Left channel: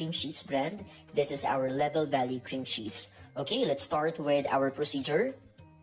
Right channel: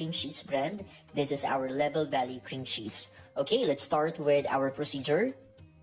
cream cheese brand. This is our Level Valley cream cheese. Okay, let's start with our procedure.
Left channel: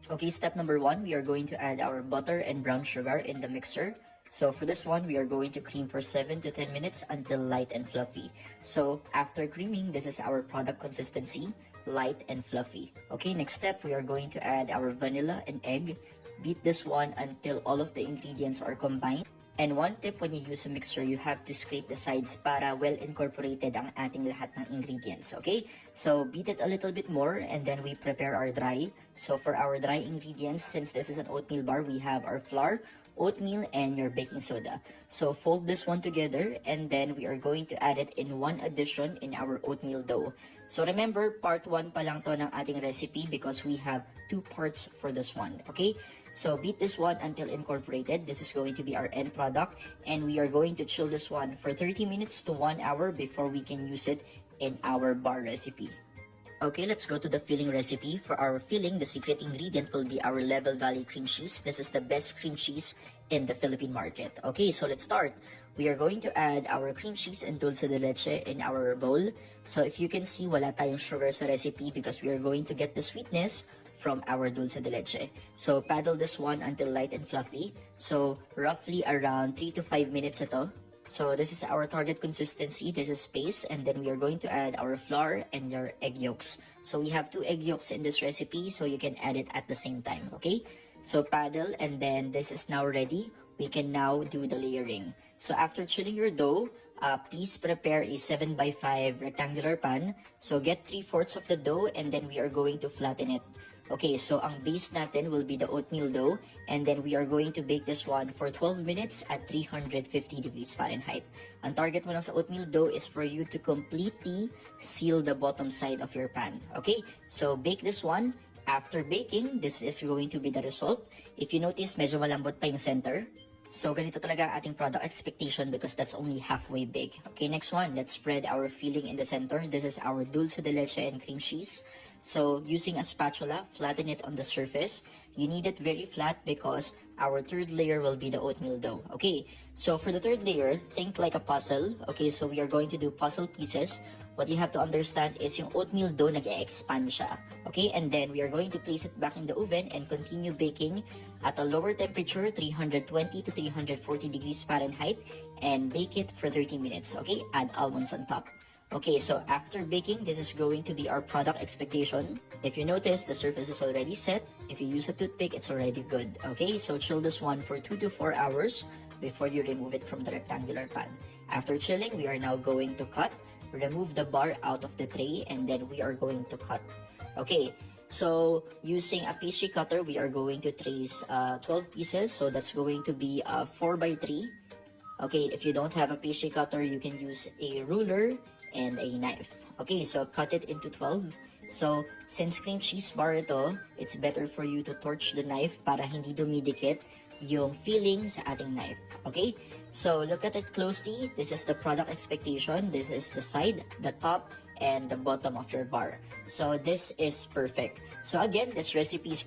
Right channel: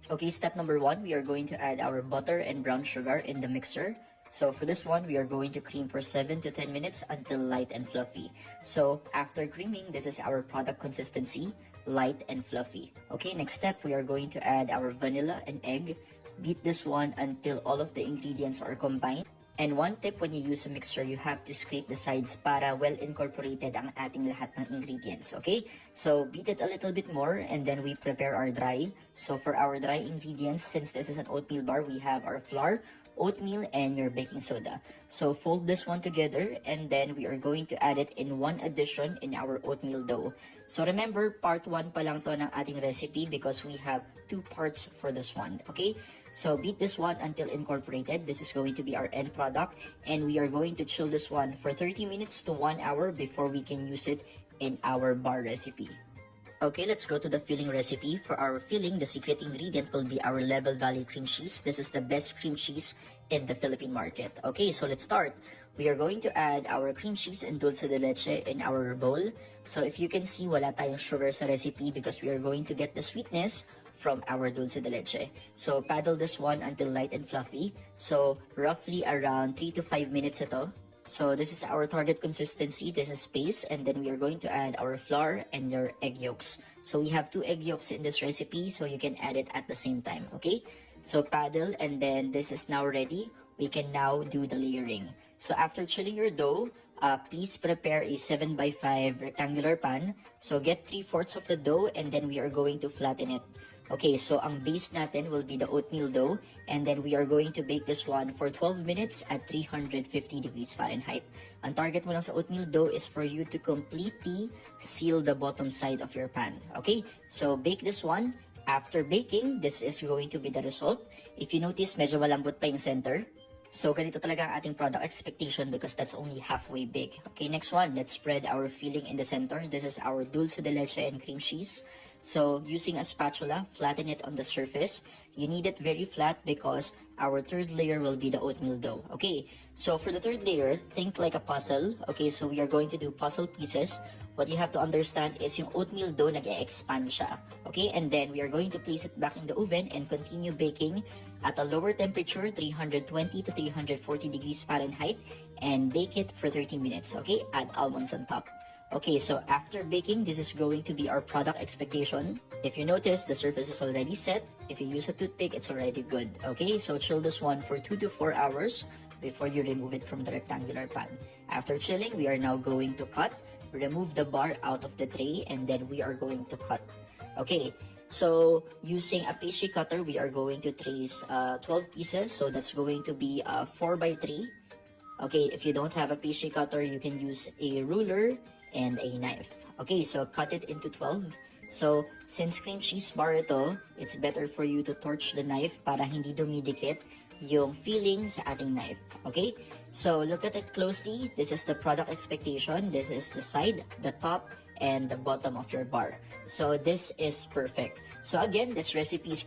Okay, step number 1, we are going to add our butter and brown sugar in the mixer. So for this one, we are going to cream for 7 to 10 minutes until light and fluffy. So after creaming, this is our product consistency, light and fluffy. Okay, next step, we are going to add our vanilla and egg. Beat this one until all of the ingredients are combined. And one tip when you use a mixer, you have to scrape the sides para well incorporated ang ating lahat ng ingredients, okay? So beat it a little bit more and then we prepare our dry. So for our dry ingredients, since this is an oatmeal bar, we have our flour, oatmeal, and your baking soda. So fold this one together and then we are going to add it in one addition in our oatmeal dough. So remember, part 1 pa lang to ng ating recipe because we have 2 parts for this one, okay? So beat this one until incorporated. This is going to be our end product and we are going to chill this one for 30 minutes to 1 hour before we can use it in our bar recipe. Okay, let's go to the filling recipe. For our filling, the secret ingredient will be our Level Valley cream cheese. This is the best cream cheese in the Philippine market. Okay, so let's start. We are going to add our cream cheese and dulce de leche in our bowl. So if you can see, wala tayong sugar sa recipe because we are going to get the sweetness from our dulce de leche. So paddle this one until light and fluffy. So roughly around 3 to 5 minutes ito. So this is our target consistency. This is paste, and then we are going to add our flour and your egg yolks. So we have 2 egg yolks in this recipe, so you can add it at the same time, okay? So paddle, and then this is now ready. We can now do the layering. So after chilling your dough, please prepare a 7x5 rectangular pan. So get 3/4 of the dough and then we are going to flatten it. Okay, so ang base natin will be the oatmeal dough and then we are going to bake this one for 12 minutes at 350 degrees Fahrenheit. Ang target mo lang sa oatmeal dough is for you to completely seal the bottom side of your pan. Okay, so bake this one. After baking, this is going to be the result. If you notice, medyo malambot pa yung center. So, ganito talaga ang ating product expectation because that's only halfway big. Okay, next one. Let's spread our filling in the center. This is our dulce de leche and cream cheese. So, using a spatula, flatten it on the surface. You need it very flat because our third layer will be the oatmeal dough. Okay, so for the third layer, think like a puzzle. Okay, so we are going to do puzzle pieces. What you have to understand is yung oatmeal dough nag-expand siya. Okay, and then we are going to place it back in the oven and continue baking at a lower temperature, 320 to 340 degrees Fahrenheit, and bake it for 30 minutes. Okay, add almonds on top. Okay, so after baking, this is going to be our product expectation. If you notice, the surface is already set. If you use a toothpick, it's already good. Okay, so chill this one for 2 to 4 hours before you remove it from the rectangular pan. After chilling, we are now going to cut. Remove the bar out of the tray and then we are going to cut. Okay, so using a pastry cutter, we are going to trace 12 pieces. So that's going to be 4x3. Okay, if you don't have a pastry cutter, you can use a ruler and a knife. Okay, so cut it into 12. So, since cream cheese bar ito, it's better for you to torch the knife para hindi dumidikit yung filling sa ating knife. Okay? So, look at it closely. This is the product expectation. This is the side, the top, and the bottom of your bar. So, this is perfect. So, again, this recipe is